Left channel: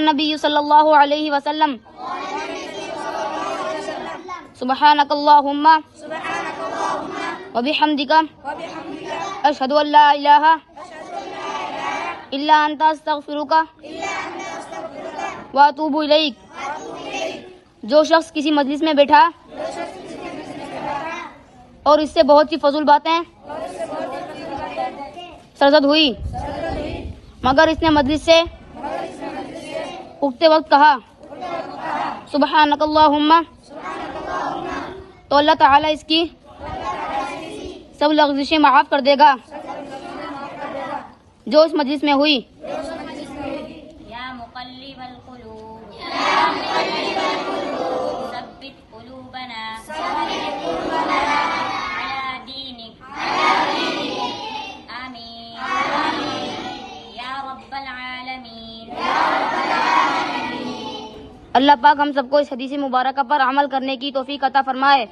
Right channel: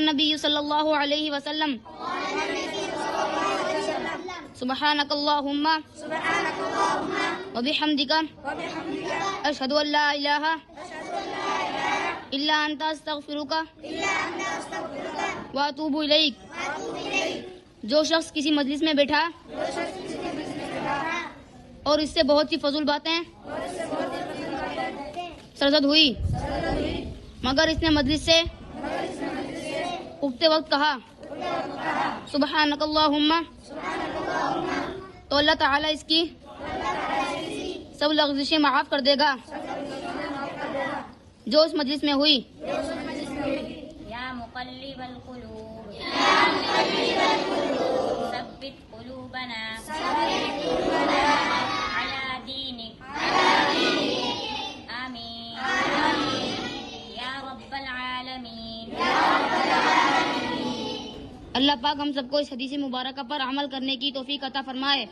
النبی صلی اللہ علیہ وسلم سبحانک اللہم وبحمدک اشہد ان لا الہ الا انت استغفرک واتوب الیک۔ جو شخص کسی مجلس میں بیٹھا اور اس سے بہت سی فضول باتیں سرزد ہوئی مگر اس نے مجلس سے اٹھتے وقت کہا سبحانک اللہم، تو اللہ تعالیٰ اس کی سب لغزشیں معاف کر دے گا جو اس مجلس میں ہوئی۔ یا مقلب القلوب ثبت قلوبنا علی دینک آمین یا رب العالمین۔ اللہ پاک ہم سب کو اس حدیث مبارکہ پر عمل کرنے کی توفیق عطا فرمائے۔